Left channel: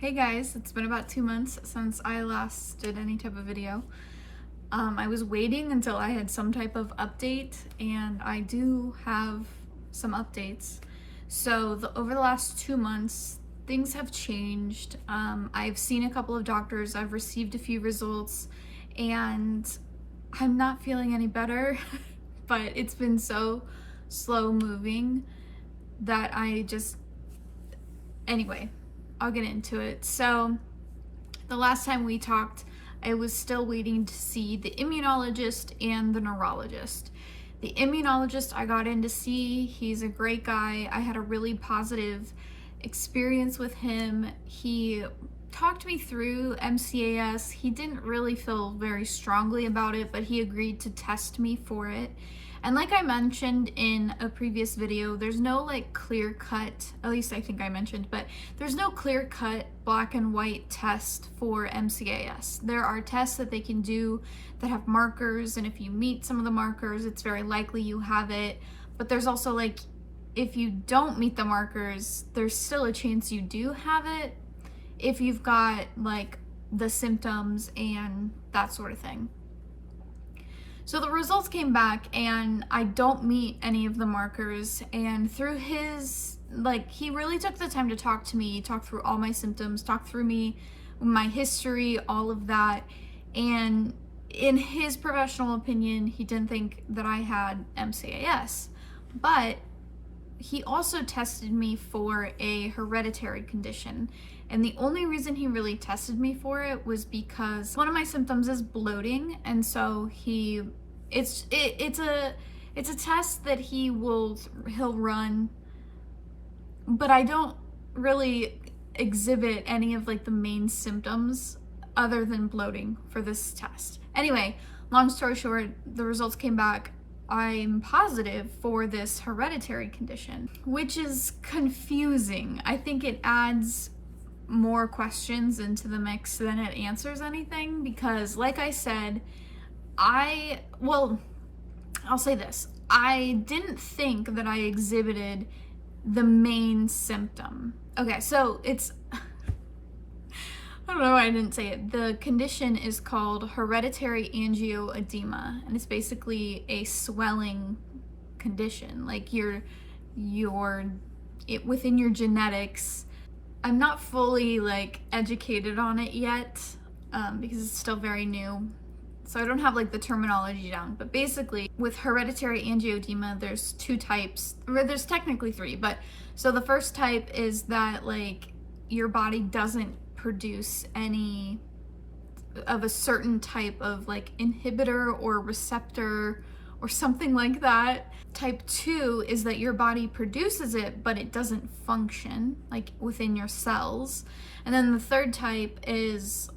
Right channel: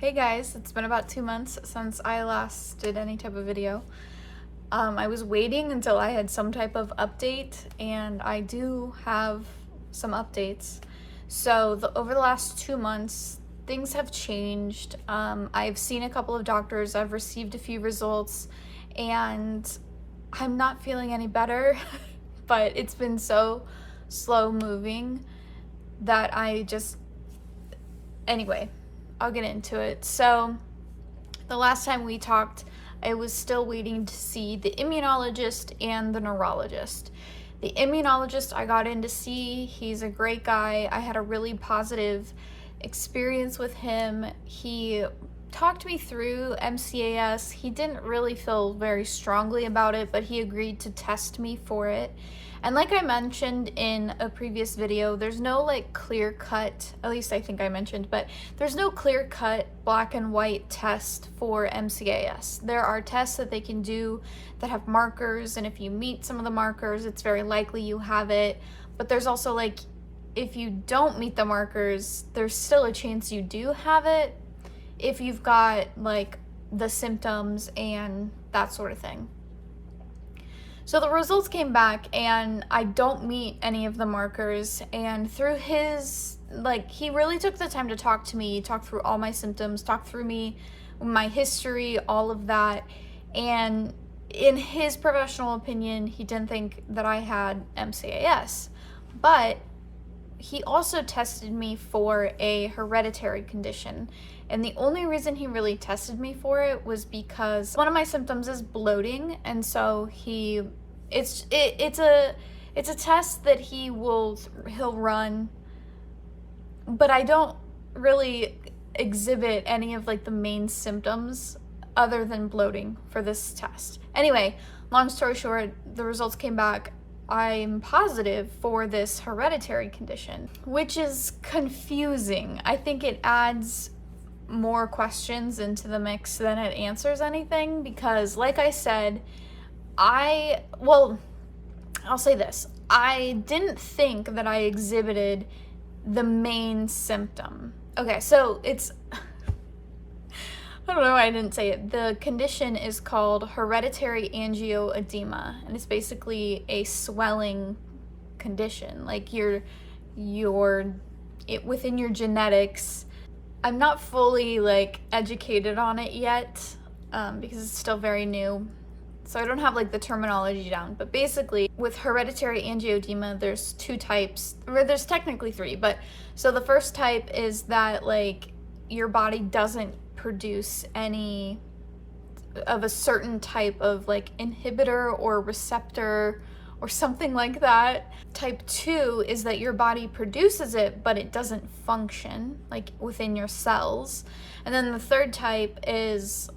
Hey guys, it's been about 2 months since I last did any type of video. I was waiting until I had some type of update, and I do have some updates. So over the last 2 months, things have changed. I've seen a couple of doctors, I've received a few results, and I'm not feeling any better, but it's been so slow moving that anyway, I'll get into it. So the last time we talked, I was still waiting to see the immunologist and the neurologist. The immunologist I got in to see, he's a great guy. I had a really positive experience with him. He talked me through MCAS. He didn't really feel very strongly about it, but he agreed to test me for it. And like I mentioned in a previous video, there's no clear cut, at least I think I mentioned, but there's no clear cut black and white test for MCAS. There are tests that they can do that have markers, and if you meet some of the markers, it's very likely you have it. But there's also if you don't meet the markers, there's still a chance you do have it if you've got the symptoms and that sort of thing. So the results came back and I don't meet any of the markers, and through his, he really took the time to talk to me, talk through all my symptoms, talk through my history, all of that. And in his professional opinion, he didn't think that I had MCAS, but he also tested me for a hereditary condition. And the only reason he really tested me for it was because one of my symptoms is bloating, and so it's a test that he'll run, but I don't really exhibit any of the main symptoms other than bloating for this test. Anyway, long story short, the results came back. I'm positive for this hereditary condition, which is confusing. I think it adds more questions into the mix than it answers anything, because like I said, I'll say this. I didn't think that I exhibited the main symptom. Okay, so I don't know why I didn't say it. The condition is called hereditary angioedema, and it's basically a swelling condition. Within your genetics. I'm not fully educated on it yet, because it's still very new. So I don't have the terminology down, but basically with hereditary angioedema, there's two types, or there's technically three, but so the first type is that your body doesn't produce any of a certain type of inhibitor or receptor or something like that. Type 2 is that your body produces it, but it doesn't function within your cells. And then the third type is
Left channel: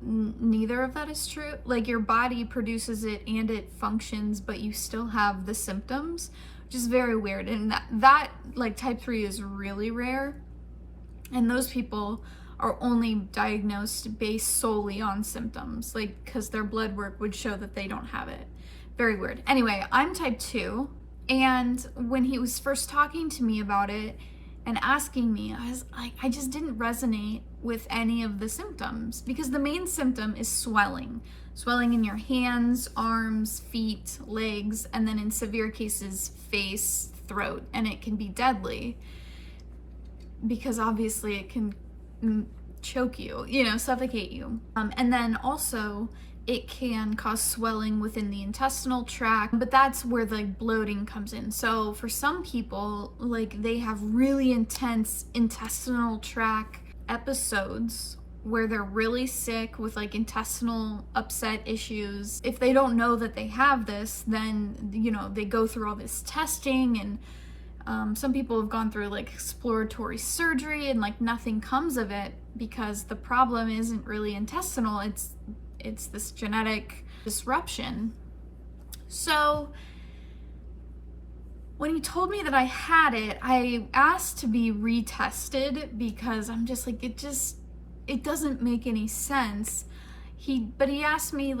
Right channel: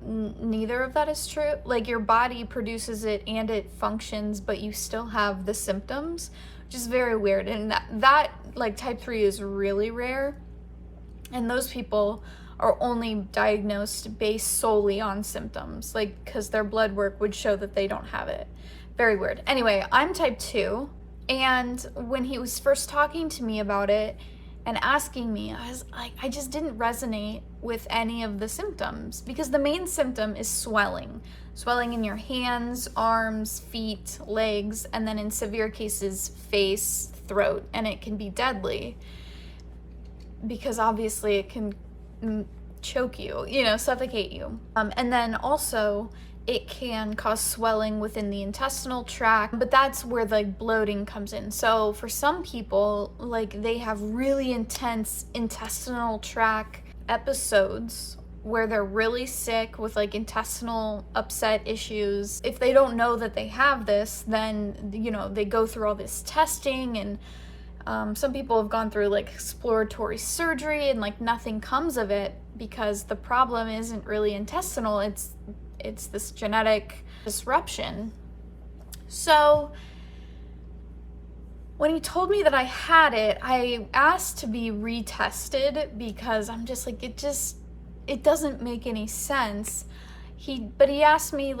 neither of that is true. Your body produces it and it functions, but you still have the symptoms, which is very weird. And that type 3 is really rare. And those people are only diagnosed based solely on symptoms, because their blood work would show that they don't have it. Very weird. Anyway, I'm type 2, and when he was first talking to me about it and asking me, I just didn't resonate with any of the symptoms, because the main symptom is swelling in your hands, arms, feet, legs, and then in severe cases, face, throat, and it can be deadly because obviously it can choke you, suffocate you. And then also it can cause swelling within the intestinal tract, but that's where bloating comes in. So for some people, they have really intense intestinal tract episodes where they're really sick with intestinal upset issues. If they don't know that they have this, then they go through all this testing, and some people have gone through exploratory surgery, and nothing comes of it, because the problem isn't really intestinal, it's this genetic disruption. So when he told me that I had it, I asked to be retested, because I'm just it doesn't make any sense. But he asked me,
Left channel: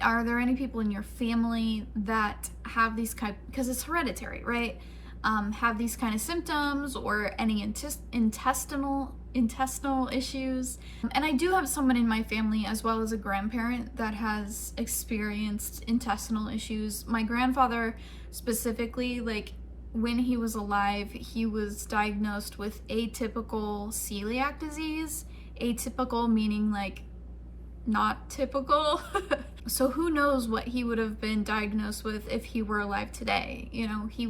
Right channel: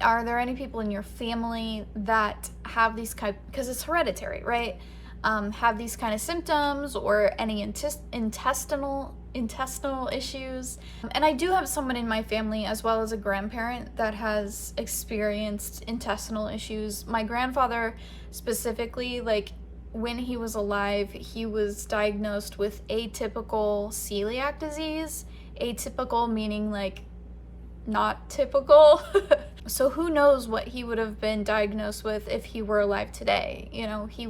are there any people in your family that have these because it's hereditary, right? Have these kind of symptoms, or any intestinal intestinal issues. And I do have someone in my family, as well as a grandparent, that has experienced intestinal issues. My grandfather specifically, like when he was alive, he was diagnosed with atypical celiac disease. Atypical meaning like not typical. So who knows what he would have been diagnosed with if he were alive today. You know, he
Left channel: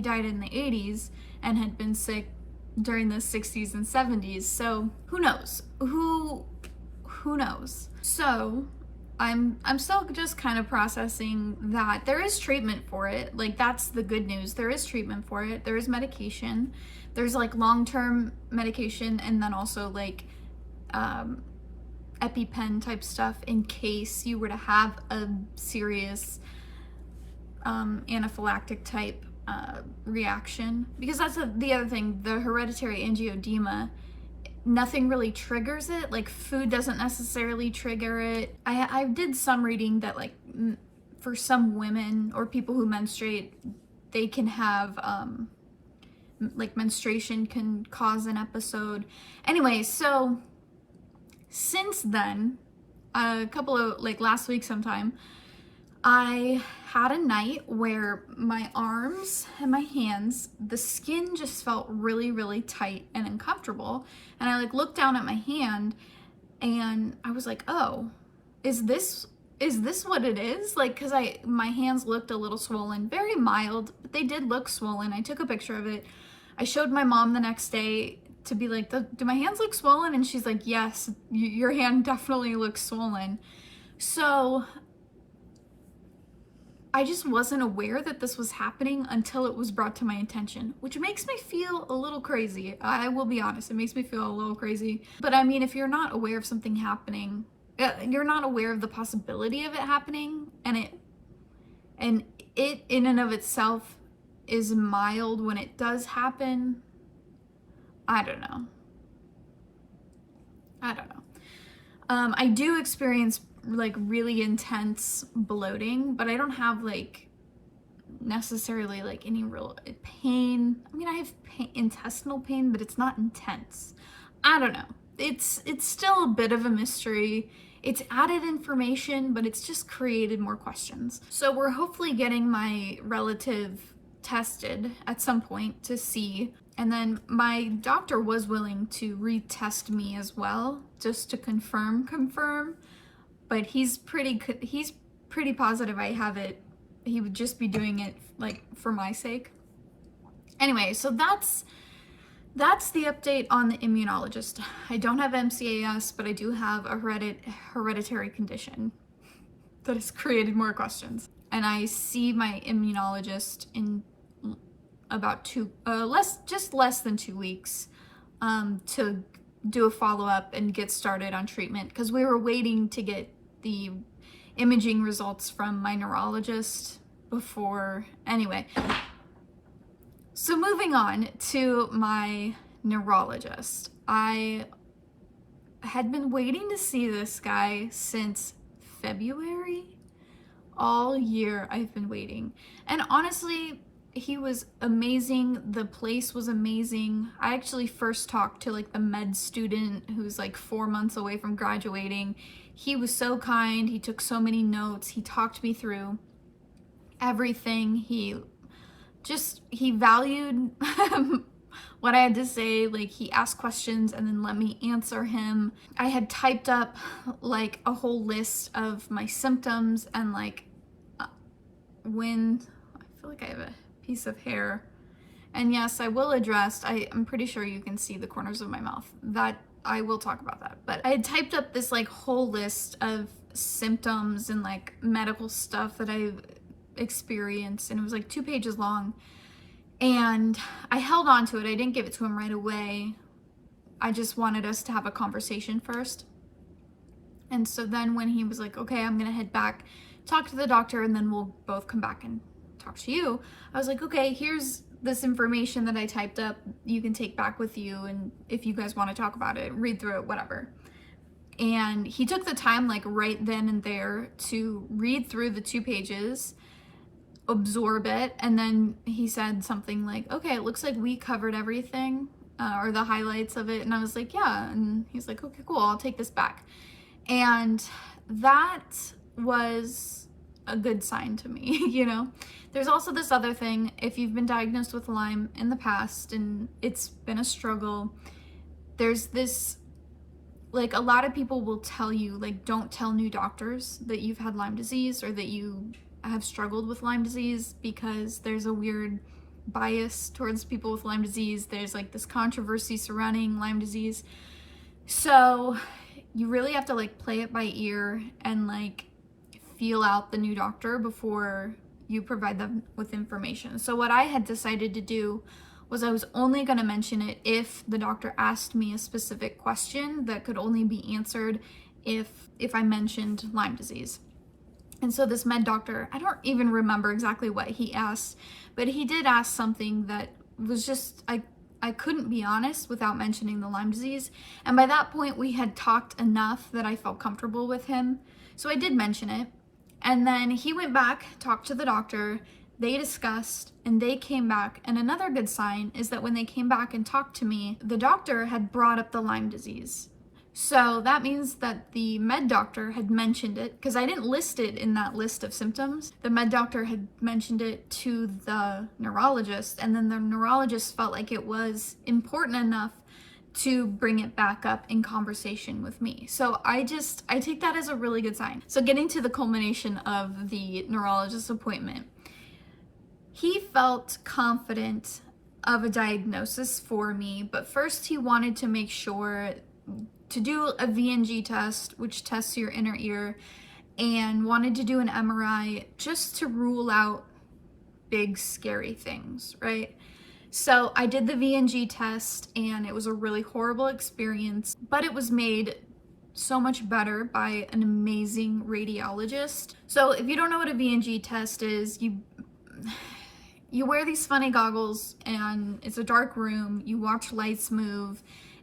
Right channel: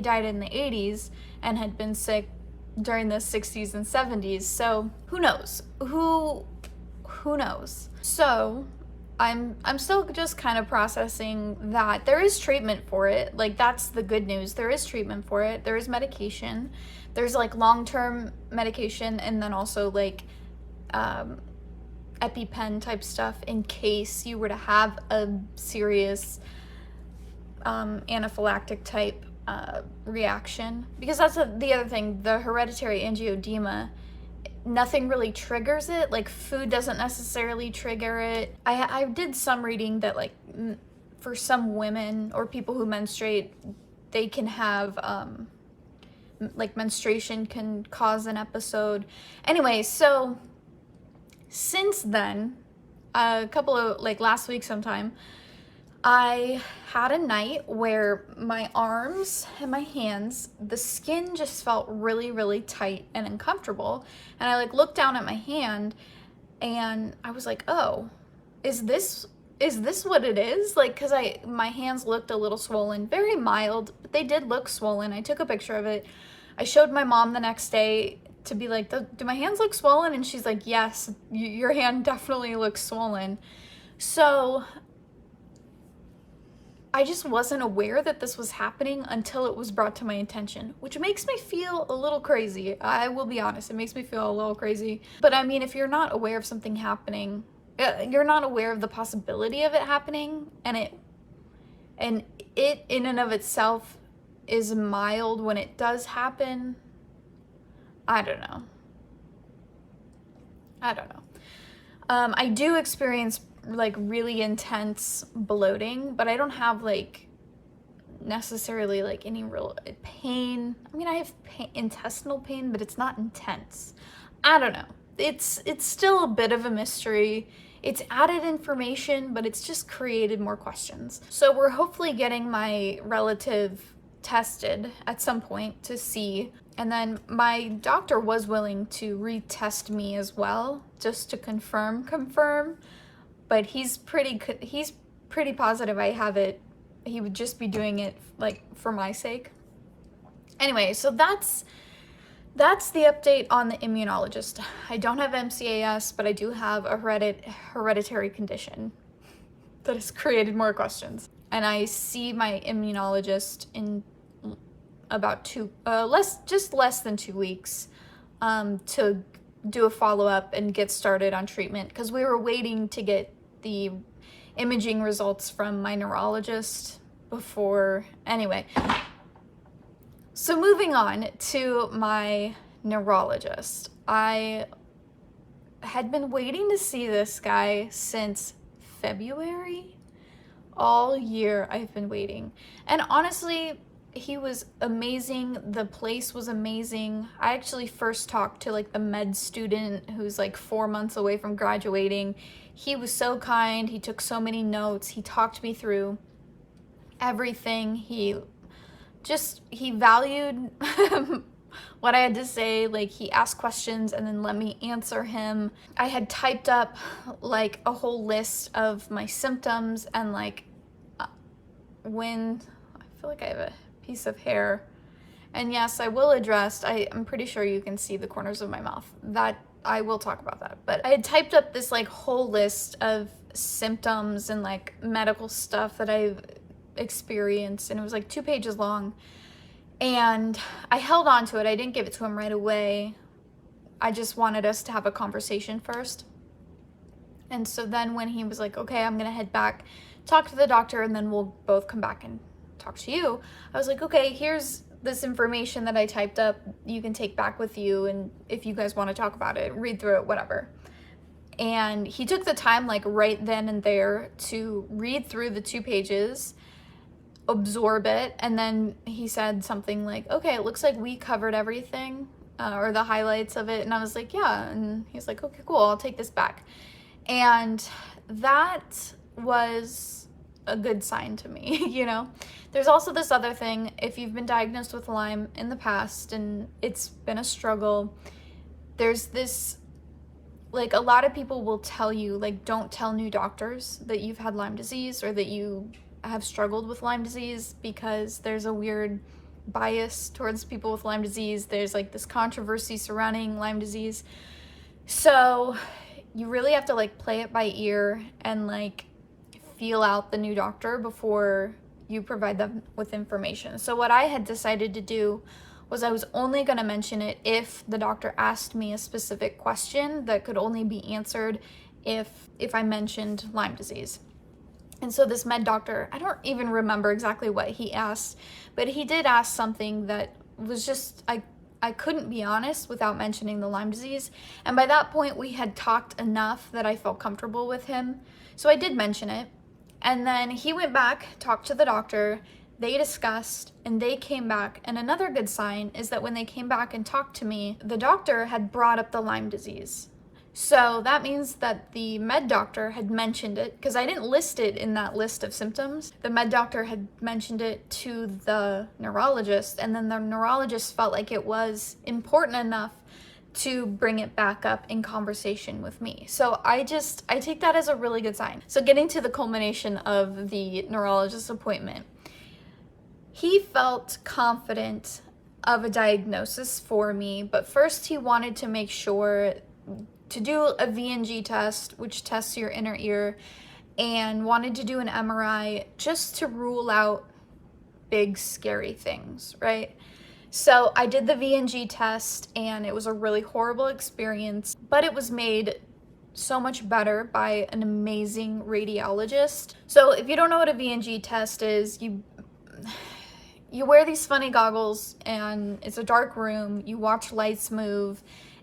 died in the 80s and had been sick during the 60s and 70s. So who knows? Who knows? So I'm still just kind of processing that there is treatment for it. Like, that's the good news. There is treatment for it. There is medication. There's like long-term medication, and then also like EpiPen type stuff in case you were to have a serious anaphylactic type reaction. Because that's the other thing, the hereditary angioedema, nothing really triggers it. Like, food doesn't necessarily trigger it. I did some reading that like for some women or people who menstruate, they can have like menstruation can cause an episode. Anyway, so since then, a couple of like last week sometime, I had a night where my arms and my hands, the skin just felt really, really tight and uncomfortable. And I like looked down at my hand and I was like, oh, is this what it is? Like, cause my hands looked a little swollen, very mild, but they did look swollen. I took a picture of it. I showed my mom the next day to be like, do my hands look swollen? And she's like, yes, your hand definitely looks swollen. So I just wasn't aware that this was happening until it was brought to my attention, which makes me feel a little crazy. I will be honest, it makes me feel a little crazy. But I mean, if you're not aware of something happening, you're not aware of the possibility of it happening, and it in and of itself is mild when it does happen, I don't know. I do experience like really intense bloating, but I don't have like necessarily like any real pain. I mean, I have intestinal pain, but it's not intense. I don't know. It's still a bit of a mystery. It's added information, but it's just created more questions. So we're hopefully getting my relative tested at some point to see. And then my doctor was willing to retest me as well, just to confirm. But he's pretty positive I have it. He would just be doing it like for my sake. Anyway, so that's the update on the immunologist. I don't have MCAS, but I do have a hereditary condition that has created more questions. And I see my immunologist in about less than 2 weeks to do a follow-up and get started on treatment, because we were waiting to get the imaging results from my neurologist before. Anyway, so moving on to my neurologist. I had been waiting to see this guy since February. All year I've been waiting. And honestly, he was amazing. The place was amazing. I actually first talked to like the med student who's like 4 months away from graduating. He was so kind. He took so many notes. He talked me through everything. He valued what I had to say. Like, he asked questions and then let me answer him. I had typed up like a whole list of my symptoms, and like when I feel like I have a piece of hair, and yes, I will address, I'm pretty sure you can see the corners of my mouth. That I will talk about that. But I had typed up this like whole list of symptoms and like medical stuff that I've experienced, and it was like 2 pages long. And I held on to it. I didn't give it to him right away. I just wanted us to have a conversation first. And so then when he was like, okay, I'm gonna head back, talk to the doctor, and then we'll both come back and talk to you, I was like, okay, here's this information that I typed up. You can take back with you, and if you guys want to talk about it, read through it, whatever. And he took the time like right then and there to read through the 2 pages, absorb it, and then he said something like, okay, it looks like we covered everything. or the highlights of it. And I was like, yeah. And he's like, okay, cool, I'll take this back. And that was a good sign to me, you know? There's also this other thing, if you've been diagnosed with Lyme in the past and it's been a struggle, there's this, like, a lot of people will tell you, like, don't tell new doctors that you've had Lyme disease or that you have struggled with Lyme disease, because there's a weird bias towards people with Lyme disease. There's like this controversy surrounding Lyme disease. So you really have to like play it by ear and like feel out the new doctor before you provide them with information. So what I had decided to do was I was only going to mention it if the doctor asked me a specific question that could only be answered if I mentioned Lyme disease. And so this med doctor, I don't even remember exactly what he asked, but he did ask something that was just, I couldn't be honest without mentioning the Lyme disease. And by that point, we had talked enough that I felt comfortable with him. So I did mention it. And then he went back, talked to the doctor, they discussed, and they came back. And another good sign is that when they came back and talked to me, the doctor had brought up the Lyme disease. So that means that the med doctor had mentioned it, because I didn't list it in that list of symptoms. The med doctor had mentioned it to the neurologist, and then the neurologist felt like it was important enough to bring it back up in conversation with me. So I take that as a really good sign. So getting to the culmination of the neurologist appointment, he felt confident of a diagnosis for me, but first he wanted to make sure to do a VNG test, which tests your inner ear, and wanted to do an MRI just to rule out big, scary things, right? So I did the VNG test, and it was a really horrible experience, but it was made so much better by an amazing radiologist. So if you don't know what a VNG test is, you wear these funny goggles, and it's a dark room, you watch lights move,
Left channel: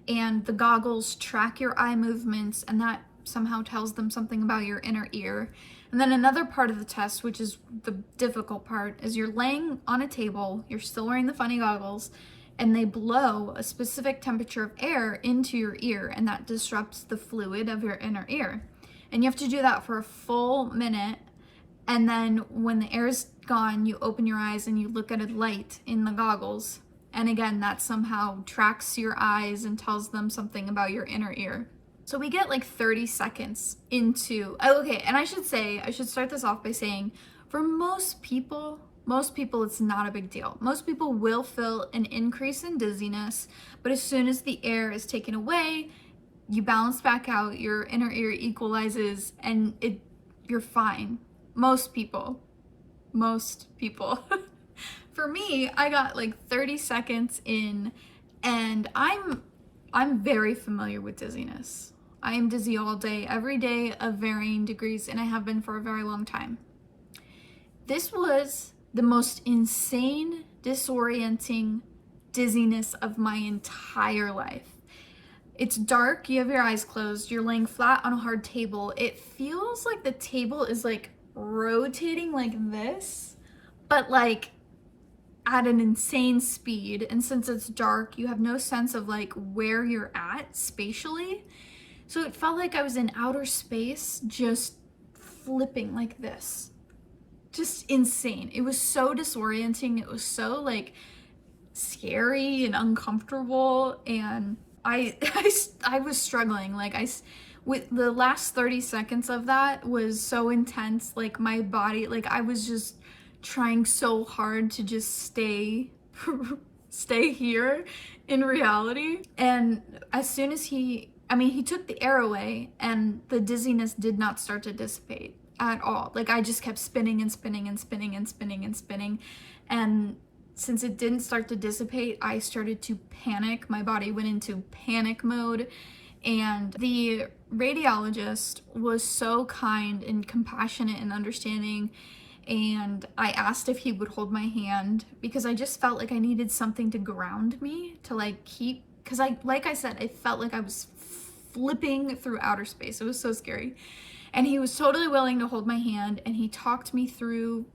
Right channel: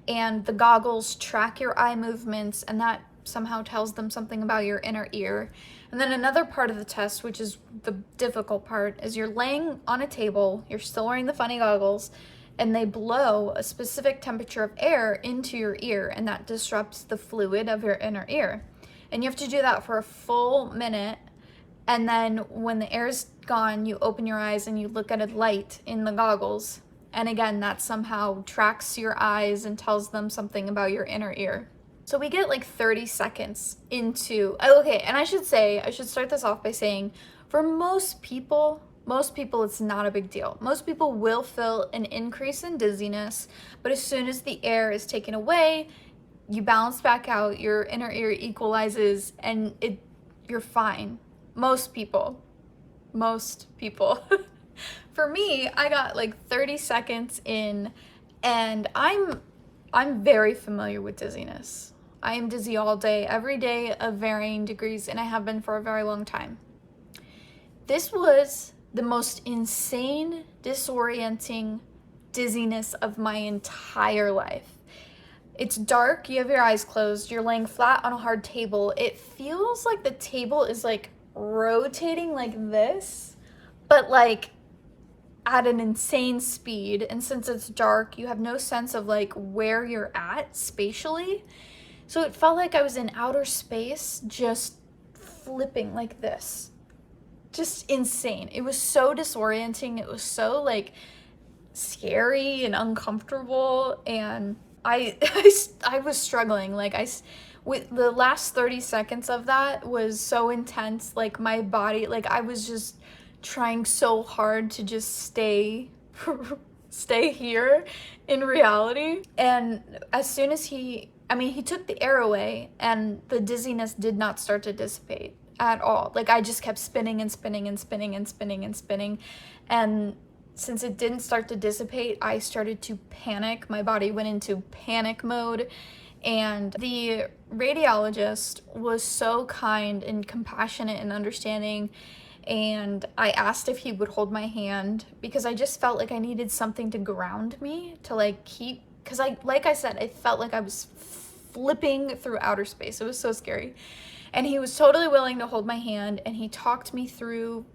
and the goggles track your eye movements, and that somehow tells them something about your inner ear. And then another part of the test, which is the difficult part, is you're laying on a table, you're still wearing the funny goggles, and they blow a specific temperature of air into your ear, and that disrupts the fluid of your inner ear. And you have to do that for a full minute, and then when the air's gone, you open your eyes and you look at a light in the goggles. And again, that somehow tracks your eyes and tells them something about your inner ear. So we get like 30 seconds into, okay, and I should start this off by saying, for most people, it's not a big deal. Most people will feel an increase in dizziness, but as soon as the air is taken away, you balance back out, your inner ear equalizes, and you're fine. Most people. For me, I got like 30 seconds in, and I'm very familiar with dizziness. I am dizzy all day, every day of varying degrees, and I have been for a very long time. This was the most insane, disorienting dizziness of my entire life. It's dark, you have your eyes closed, you're laying flat on a hard table. It feels like the table is like rotating like this, but like at an insane speed, and since it's dark, you have no sense of like where you're at spatially. So it felt like I was in outer space, just flipping like this. Just insane. It was so disorienting. It was so like scary and uncomfortable, and I was struggling. Like with the last 30 seconds of that was so intense. Like my body, like I was just trying so hard to just stay here in reality. And as soon as he took the air away, and the dizziness did not start to dissipate at all. Like I just kept spinning and spinning and spinning and spinning and spinning. And since it didn't start to dissipate, I started to panic. My body went into panic mode. And the radiologist was so kind and compassionate and understanding. And I asked if he would hold my hand, because I just felt like I needed something to ground me, to like keep, because like I said, I felt like I was flipping through outer space. It was so scary. And he was totally willing to hold my hand, and he talked me through,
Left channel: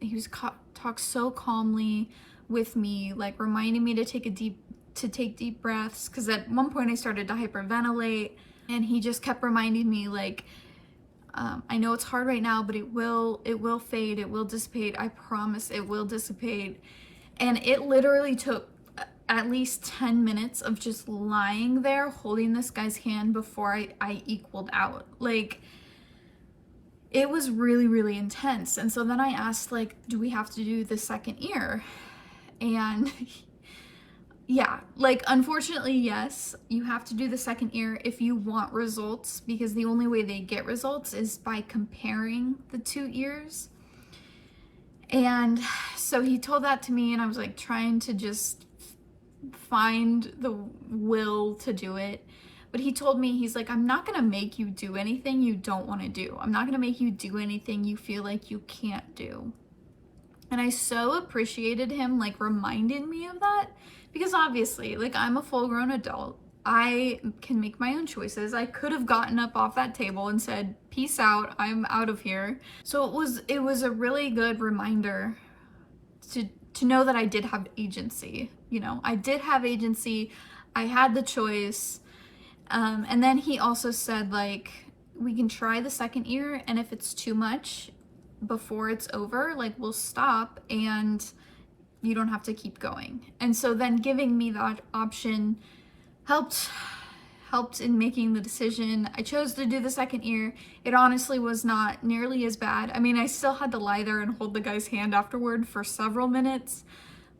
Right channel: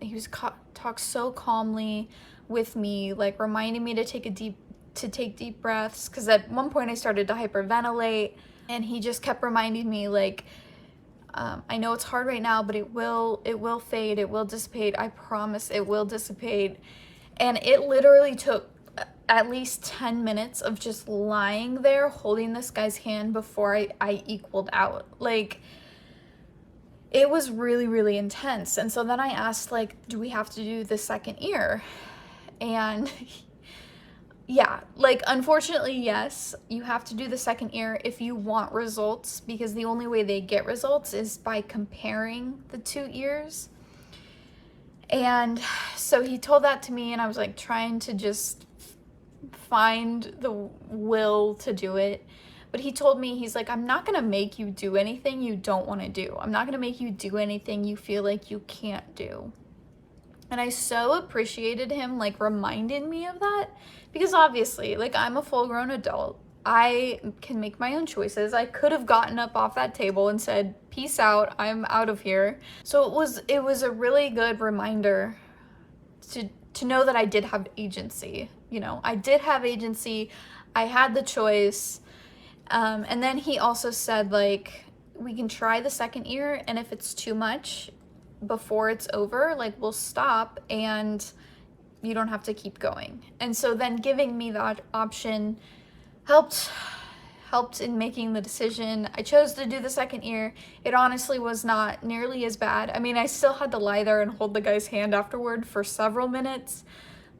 talked so calmly with me, like reminding me to take a deep to take deep breaths, because at one point I started to hyperventilate, and he just kept reminding me, like, I know it's hard right now, but it will fade, it will dissipate, I promise it will dissipate. And it literally took at least 10 minutes of just lying there holding this guy's hand before I equaled out. Like, it was really, really intense. And so then I asked, like, do we have to do the second ear? And yeah, like, unfortunately, yes, you have to do the second ear if you want results, because the only way they get results is by comparing the two ears. And so he told that to me, and I was like trying to just find the will to do it. But he told me, he's like, I'm not gonna make you do anything you don't want to do. I'm not gonna make you do anything you feel like you can't do. And I so appreciated him, like, reminding me of that, because obviously, like, I'm a full-grown adult. I can make my own choices. I could have gotten up off that table and said, peace out, I'm out of here. So it was a really good reminder to know that I did have agency. You know, I did have agency. I had the choice. And then he also said, like, we can try the second ear, and if it's too much before it's over, like, we'll stop and you don't have to keep going. And so then giving me that option helped in making the decision. I chose to do the second ear. It honestly was not nearly as bad. I mean, I still had to lie there and hold the guy's hand afterward for several minutes,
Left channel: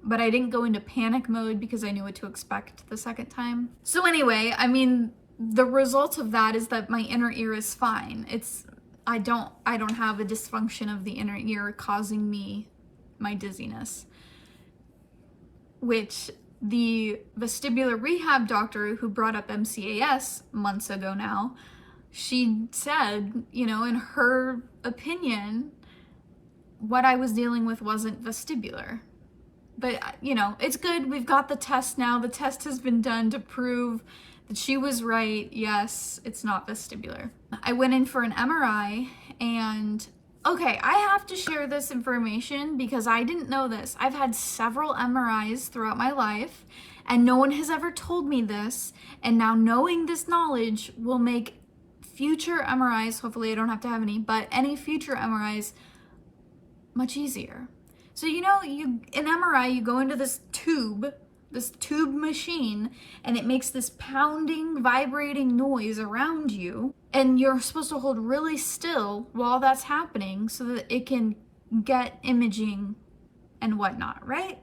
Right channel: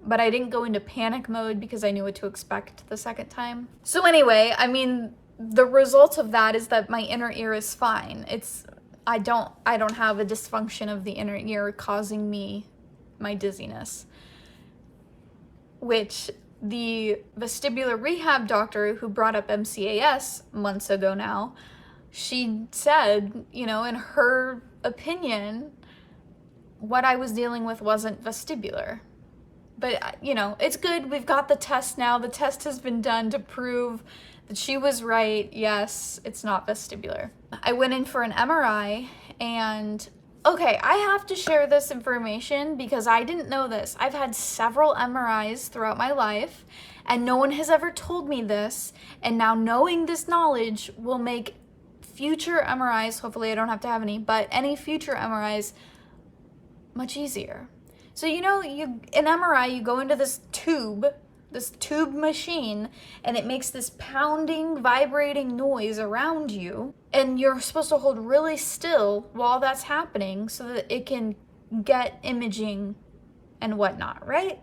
but I didn't go into panic mode because I knew what to expect the second time. So anyway, I mean, the result of that is that my inner ear is fine. I don't have a dysfunction of the inner ear causing me my dizziness, which the vestibular rehab doctor who brought up MCAS months ago now, she said, you know, in her opinion, what I was dealing with wasn't vestibular. But, you know, it's good. We've got the test now. The test has been done to prove that she was right. Yes, it's not vestibular. I went in for an MRI, and okay, I have to share this information because I didn't know this. I've had several MRIs throughout my life, and no one has ever told me this. And now knowing this knowledge will make future MRIs, hopefully I don't have to have any, but any future MRIs much easier. So, you know, in MRI, you go into this tube machine, and it makes this pounding, vibrating noise around you, and you're supposed to hold really still while that's happening so that it can get imaging and whatnot, right?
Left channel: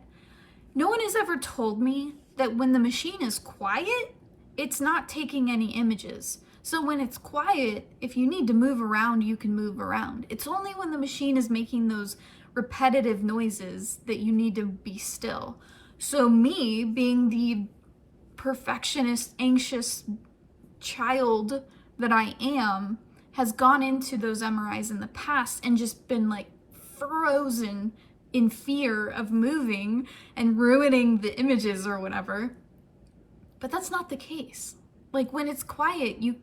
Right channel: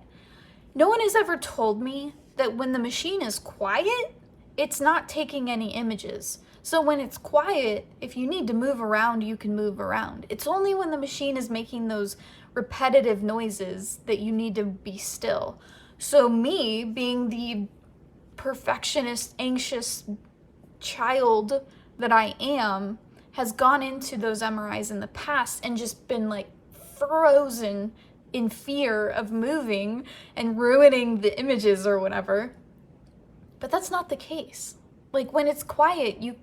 No one has ever told me that when the machine is quiet, it's not taking any images. So when it's quiet, if you need to move around, you can move around. It's only when the machine is making those repetitive noises that you need to be still. So me, being the perfectionist, anxious child that I am, has gone into those MRIs in the past and just been like frozen in fear of moving and ruining the images or whatever. But that's not the case. Like, when it's quiet, you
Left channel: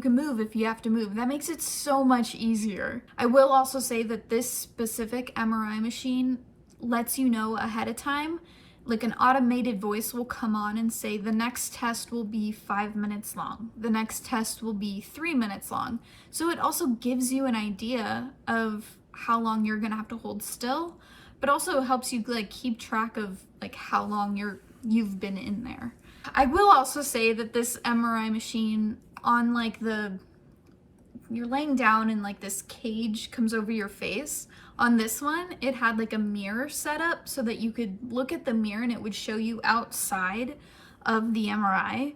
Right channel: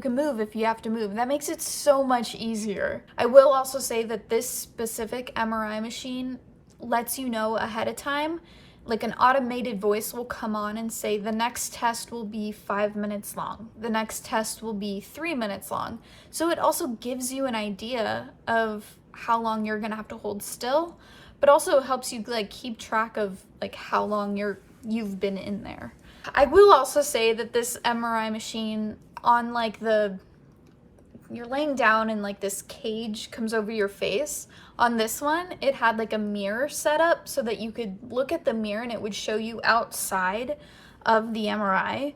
can move if you have to move. That makes it so much easier. I will also say that this specific MRI machine lets you know ahead of time. Like, an automated voice will come on and say, the next test will be 5 minutes long. The next test will be 3 minutes long. So it also gives you an idea of how long you're gonna have to hold still, but also helps you like keep track of like how long you've been in there. I will also say that this MRI machine, on like you're laying down and like this cage comes over your face. On this one, it had like a mirror set up so that you could look at the mirror and it would show you outside of the MRI.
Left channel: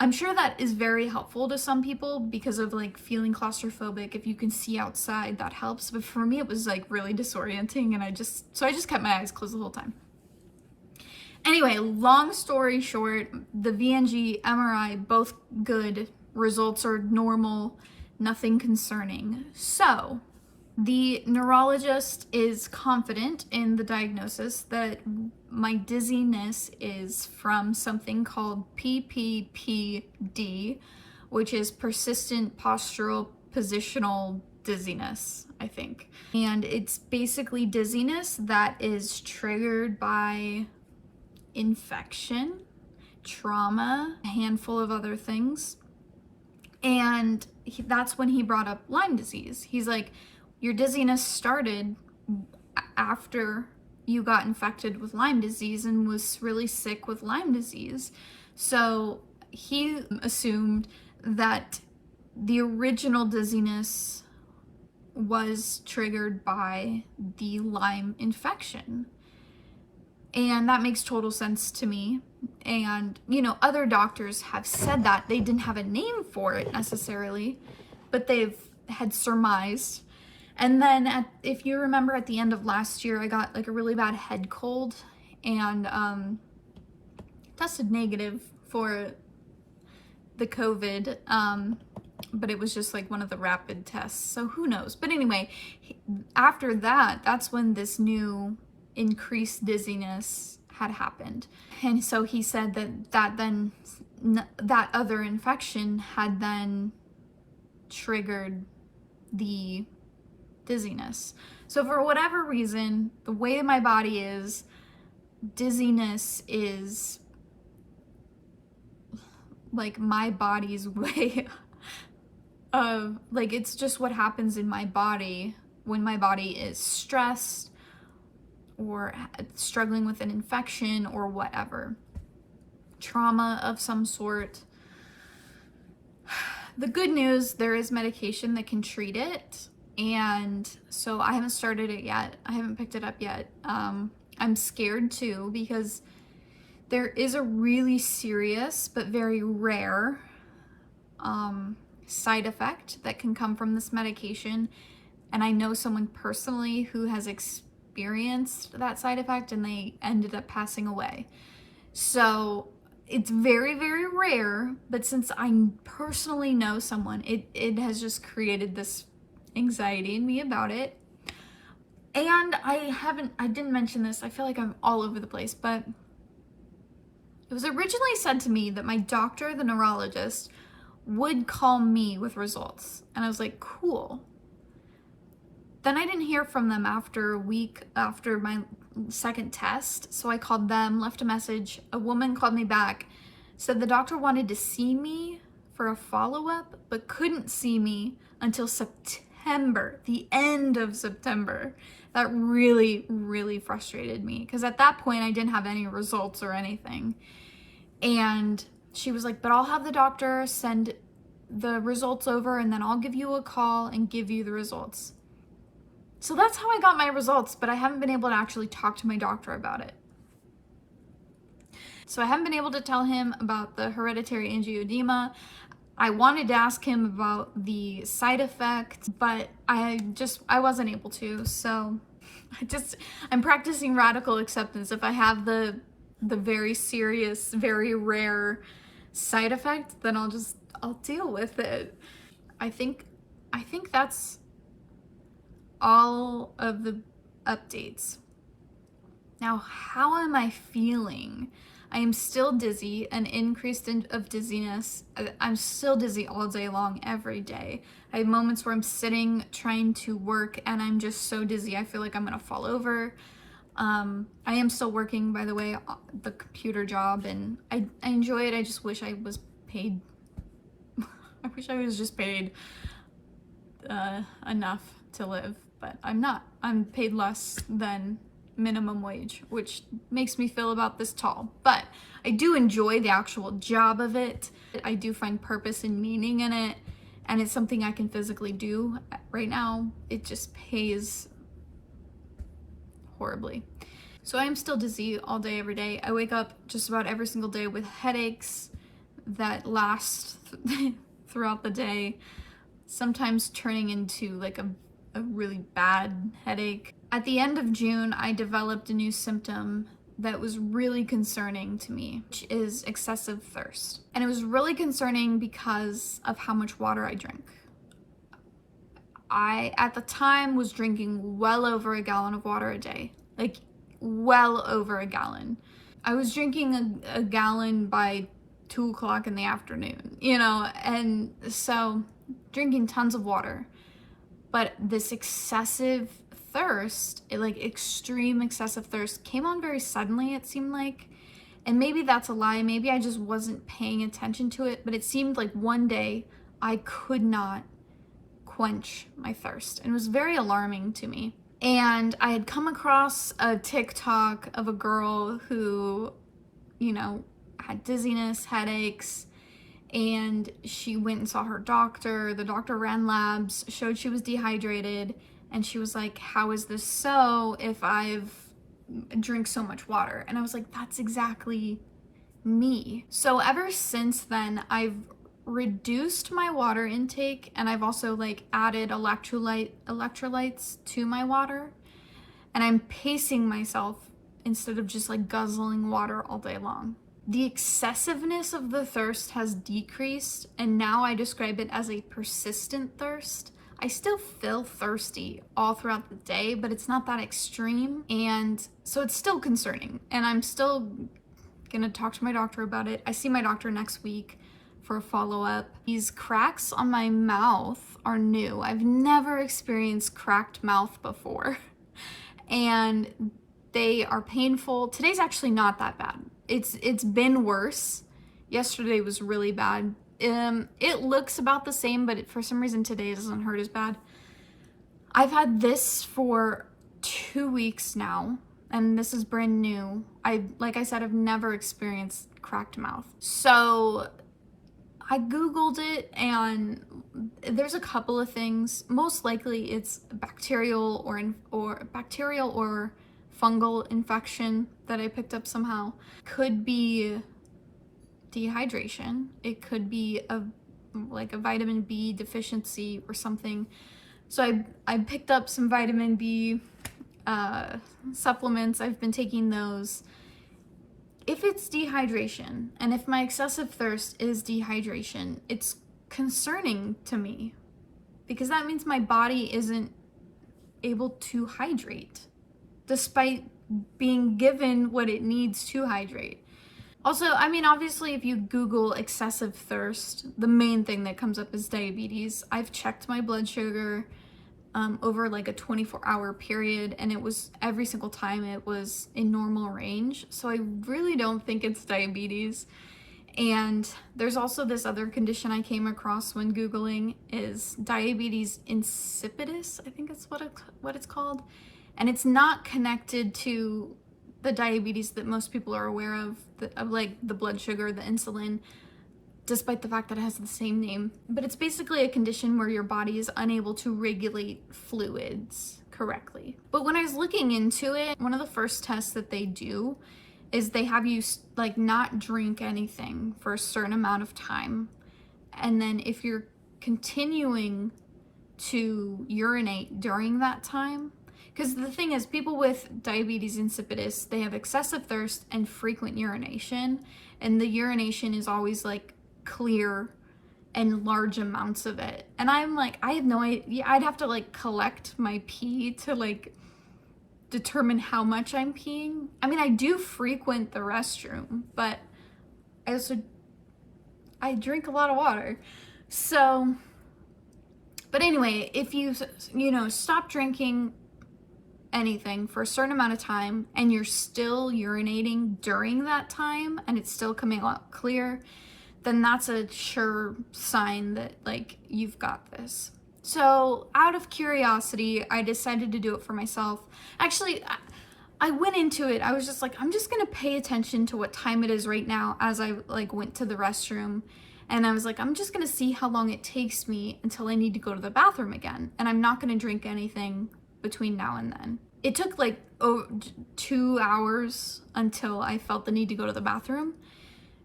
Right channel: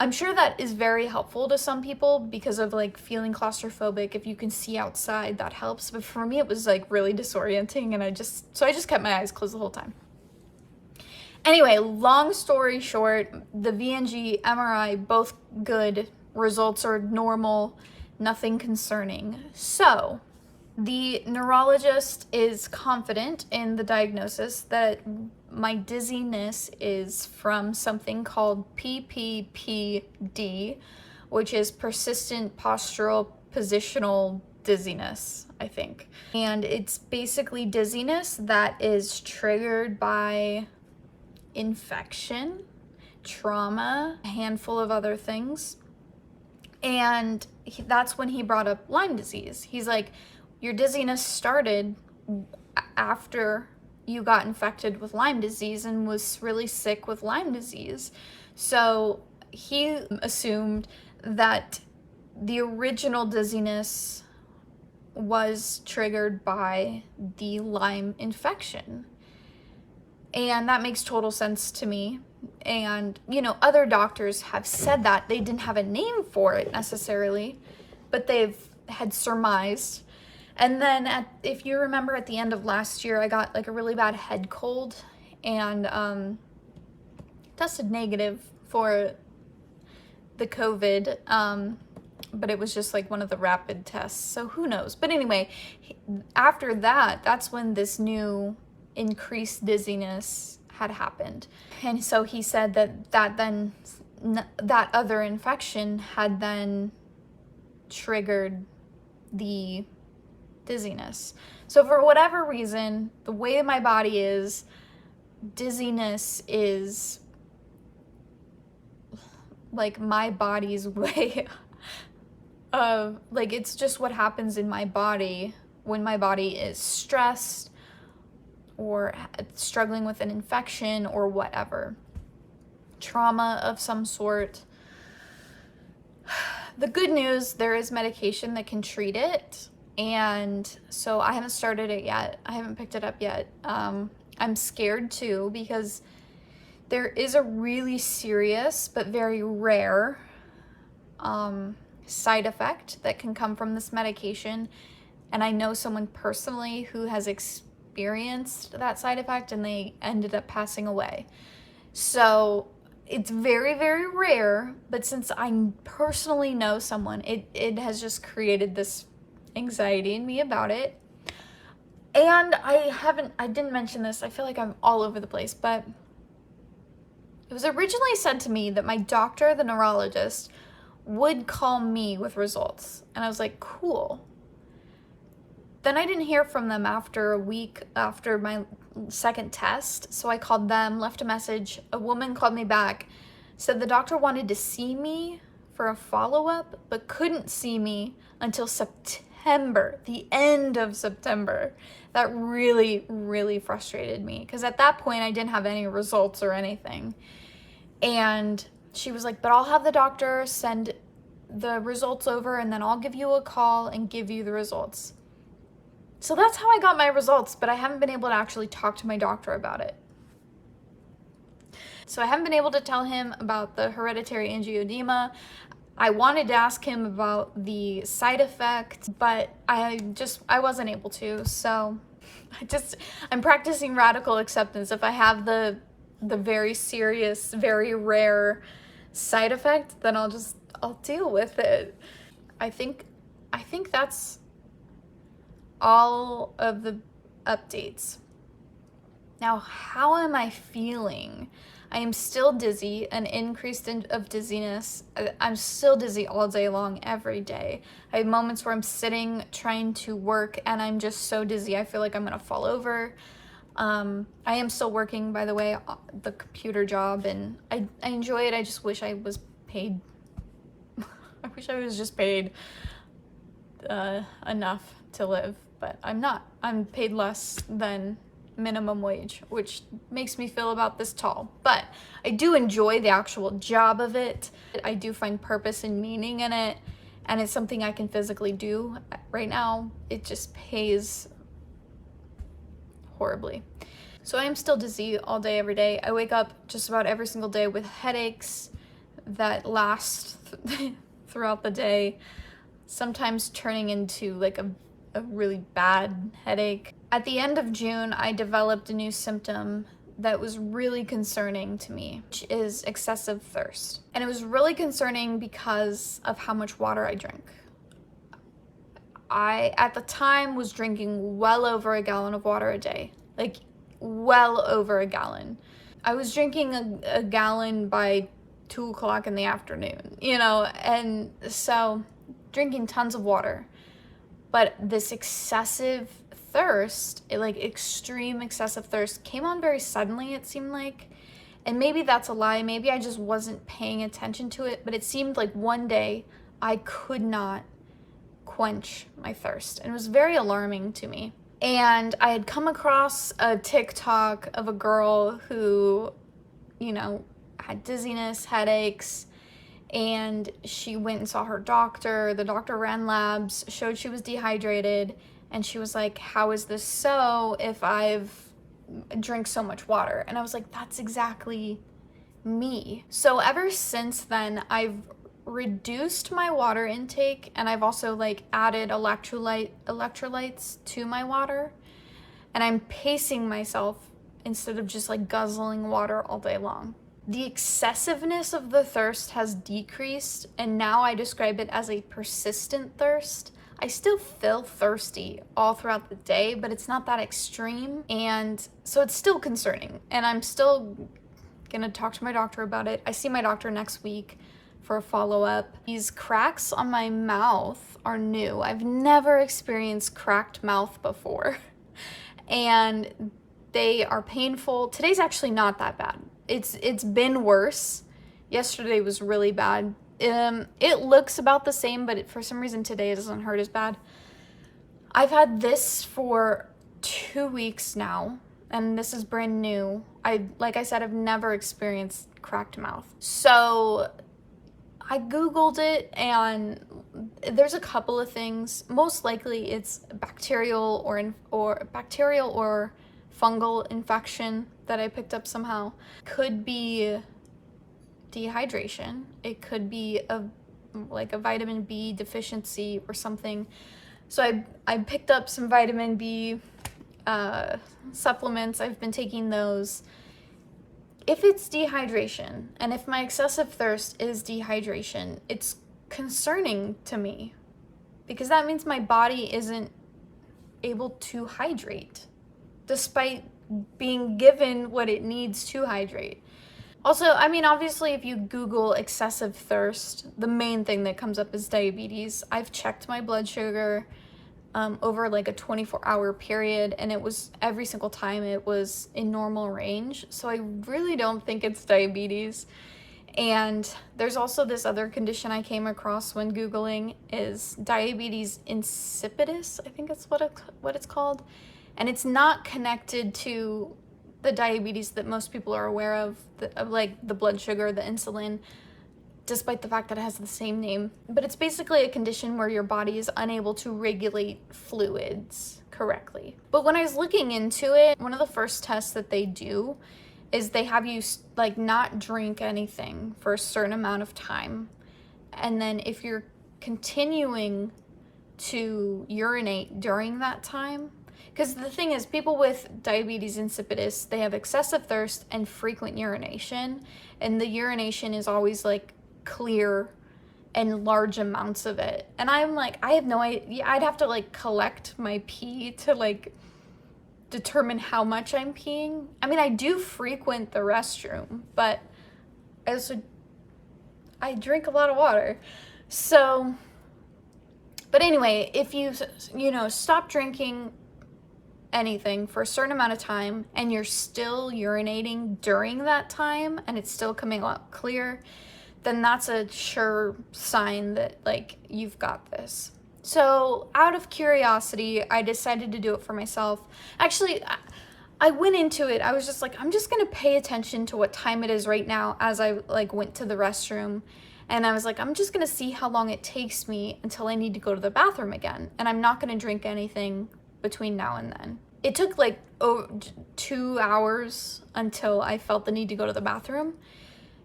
I'm sure that is very helpful to some people because of like feeling claustrophobic. If you can see outside, that helps. But for me, it was like really disorienting, and I just kept my eyes closed the whole time. Anyway, long story short, the VNG, MRI, both good. Results are normal, nothing concerning. So, the neurologist is confident in the diagnosis that my dizziness is from something called PPPD, which is persistent postural positional dizziness, I think. And it's basically dizziness that is triggered by infection, trauma, a handful of other things. And that's when he brought up Lyme disease. He's like, your dizziness started after you got infected with Lyme disease and was really sick with Lyme disease. So he assumed that the original dizziness was triggered by the Lyme infection. And that makes total sense to me. And, you know, other doctors have said that. They didn't have a name for it necessarily, but they've had surmised. And then if you remember at the end of last year, I got like a really bad head cold and tested negative for the COVID, but it was just like one of the rapid tests. So who knows? But anyway, after that, that's when this new increased dizziness had happened. And so he said that other infection had then triggered the dizziness. So for whatever reason, the way my body is, dizziness is like my body's way of, like, it's just what happens in my body when my body is stressed or struggling with an infection or whatever, trauma of some sort. The good news, there is medication that can treat it, and so I haven't started it yet. I haven't picked it up yet. I'm scared too, because there is a really serious but very rare side effect that can come from this medication, and I know someone personally who has experienced that side effect and they ended up passing away. So it's very, very rare, but since I personally know someone, it has just created this anxiety in me about it. And I didn't mention this, I feel like I'm all over the place, but it was originally said to me that my doctor, the neurologist, would call me with results. And I was like, cool. Then I didn't hear from them after a week after my second test. So I called them, left a message. A woman called me back, said the doctor wanted to see me for a follow-up, but couldn't see me until September, the end of September. That really, really frustrated me, because at that point I didn't have any results or anything. And she was like, but I'll have the doctor send the results over and then I'll give you a call and give you the results. So that's how I got my results, but I haven't been able to actually talk to my doctor about it. So I haven't been able to tell him about the hereditary angioedema. I wanted to ask him about the side effect, but I wasn't able to. So I'm practicing radical acceptance. If I have the very serious, very rare side effect, then I'll deal with it. I think that's all of the updates. Now, how am I feeling? I am still dizzy, an increase of dizziness. I'm still dizzy all day long, every day. I have moments where I'm sitting trying to work and I'm just so dizzy, I feel like I'm gonna fall over. I am still working, by the way, the computer job, and I enjoy it. I just wish I was paid. I wish I was just paid enough to live, but I'm not. I'm paid less than minimum wage, which makes me feel about this tall. But I do enjoy the actual job of it. I do find purpose and meaning in it, and it's something I can physically do. Right now, it just pays horribly. So I am still dizzy all day, every day. I wake up just about every single day with headaches that last throughout the day, sometimes turning into like a really bad headache. At the end of June, I developed a new symptom that was really concerning to me, which is excessive thirst. And it was really concerning because of how much water I drink. I, at the time, was drinking well over a gallon of water a day, like well over a gallon. I was drinking a gallon by 2 o'clock in the afternoon, you know, and so drinking tons of water. But this excessive thirst, like extreme excessive thirst, came on very suddenly, it seemed like. And maybe that's a lie. Maybe I just wasn't paying attention to it, but it seemed like one day I could not quench my thirst. And it was very alarming to me. And I had come across a TikTok of a girl who, you know, had dizziness, headaches, and she went and saw her doctor. The doctor ran labs, showed she was dehydrated, and she was like, how is this so if I've drink so much water? And I was like, that's exactly me. So ever since then, I've reduced my water intake, and I've also like added electrolytes to my water, and I'm pacing myself instead of just like guzzling water all day long. The excessiveness of the thirst has decreased, and now I describe it as a persistent thirst. I still feel thirsty all throughout the day, but it's not that extreme, and so it's still concerning, and I'm still gonna talk to my doctor about it. I see my doctor next week for a follow-up. These cracks on my mouth are new. I've never experienced cracked mouth before, and they are painful. Today's actually not that bad. It's been worse. Yesterday was really bad. It looks about the same, but for some reason today it doesn't hurt as bad. I've had this for 2 weeks now, and this is brand new. Like I said, I've never experienced cracked mouth. So I Googled it, and there's a couple of things. Most likely it's bacterial or fungal infection that I picked up somehow. Could be dehydration. It could be a vitamin B deficiency or something. So I picked up some vitamin B supplements. I've been taking those. If it's dehydration, and if my excessive thirst is dehydration, it's concerning to me, because that means my body isn't able to hydrate despite being given what it needs to hydrate. Also, I mean, obviously, if you Google excessive thirst, the main thing that comes up is diabetes. I've checked my blood sugar over like a 24-hour period, and it was every single time it was in normal range. So I really don't think it's diabetes. And there's also this other condition I came across when Googling, is diabetes insipidus, I think that's what it's called. And it's not connected to the diabetes that most people are aware of like the blood sugar, the insulin, despite the fact that it has the same name. But it's basically a condition where your body is unable to regulate fluids correctly. But when I was looking into it, one of the first tests that they do is they have you like not drink anything for a certain amount of time. And then if you're continuing to urinate during that time, because the thing is, people with diabetes insipidus, they have excessive thirst and frequent urination, and the urination is always like clear and large amounts of it. And I'm like, I have no idea. I'd have to like collect my pee to like determine how much I'm peeing. I mean, I do frequent the restroom, but I drink a lot of water. So, but anyway, if you stop drinking anything for a certain amount of time and you're still urinating during that time and it's still coming out clear, then that's a sure sign that like you've got this. So out of curiosity, I decided to do it for myself. Actually, I went into it, I was just like, I'm just gonna pay attention to what time it is right now as I like went to the restroom. And I was like, I'm just gonna see how long it takes me until I need to go to the bathroom again. And I'm not gonna drink anything between now and then. It took like 2 hours until I felt the need to go to the bathroom.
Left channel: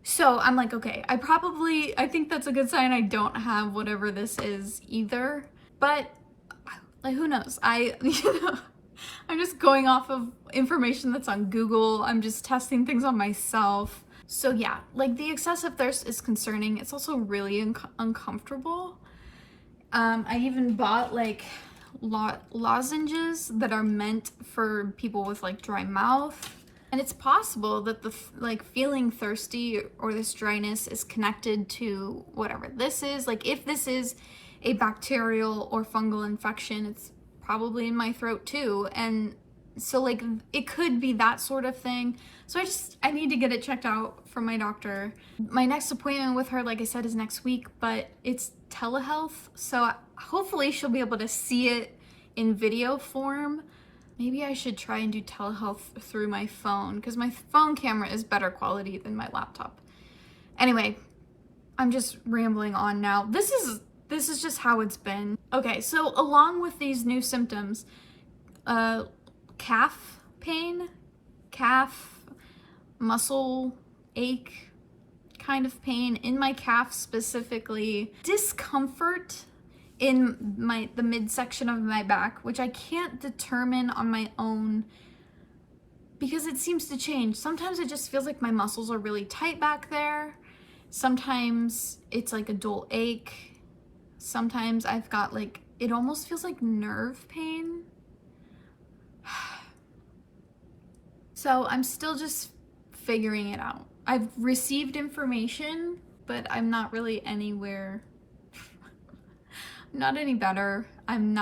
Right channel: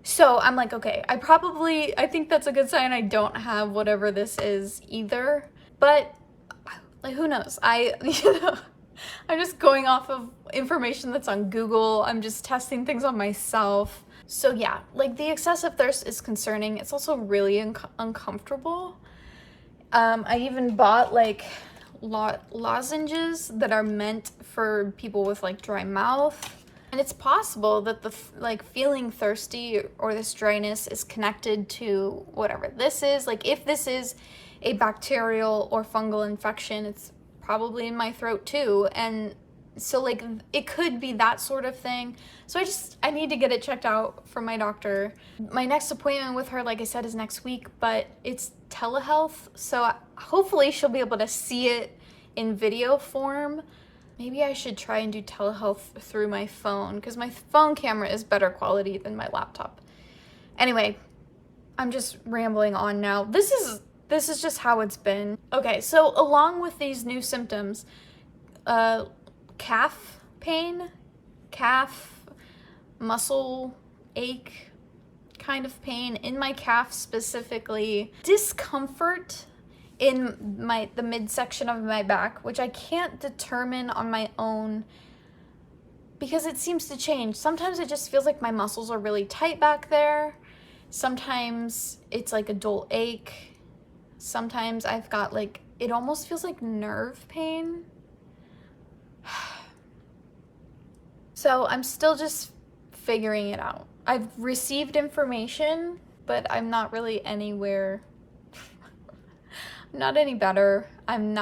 So I'm like, okay, I think that's a good sign I don't have whatever this is either. But like, who knows? I'm just going off of information that's on Google. I'm just testing things on myself. So yeah, like the excessive thirst is concerning. It's also really uncomfortable. I even bought like lozenges that are meant for people with like dry mouth. And it's possible that the like feeling thirsty or this dryness is connected to whatever this is. Like if this is a bacterial or fungal infection, it's probably in my throat too. And So like it could be that sort of thing. So I need to get it checked out from my doctor. My next appointment with her, like I said, is next week, but it's telehealth. So hopefully she'll be able to see it in video form. Maybe I should try and do telehealth through my phone because my phone camera is better quality than my laptop. Anyway, I'm just rambling on now. This is just how it's been. Okay, so along with these new symptoms, calf pain, calf muscle ache kind of pain in my calf specifically, discomfort in the midsection of my back, which I can't determine on my own because it seems to change. Sometimes it just feels like my muscles are really tight back there. Sometimes it's like a dull ache. Sometimes I've got like, it almost feels like nerve pain. So I'm still just figuring it out. I've received information, but I'm not really anywhere, not any better. I'm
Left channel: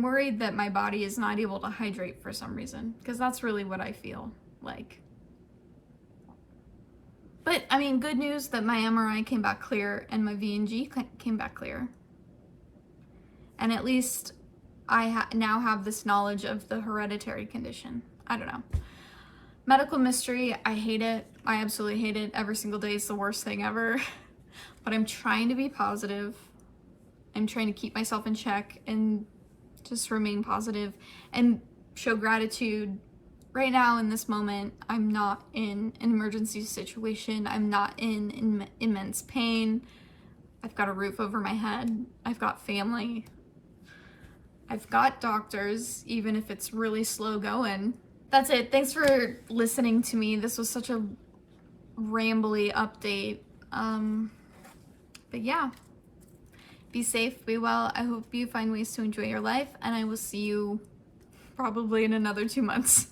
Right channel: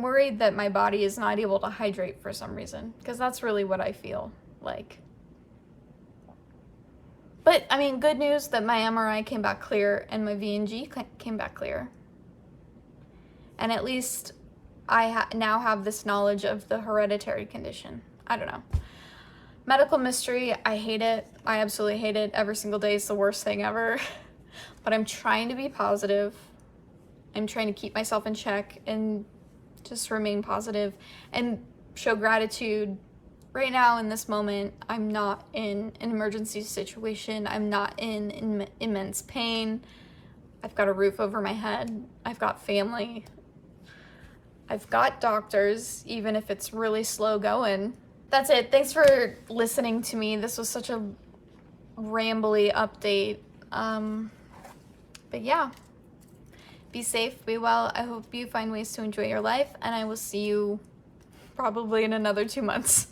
worried that my body is not able to hydrate for some reason, because that's really what I feel like. But I mean, good news that my MRI came back clear and my VNG came back clear. And at least I now have this knowledge of the hereditary condition. I don't know. Medical mystery, I hate it. I absolutely hate it. Every single day is the worst thing ever. But I'm trying to be positive. I'm trying to keep myself in check and just remain positive and show gratitude. Right now in this moment, I'm not in an emergency situation. I'm not in immense pain. I've got a roof over my head. I've got family. I've got doctors, even if it's really slow going. That's it. Thanks for listening to me. This was such a rambly update. But yeah, be safe, be well. I hope you find ways to enjoy your life, and I will see you probably in another 2 months.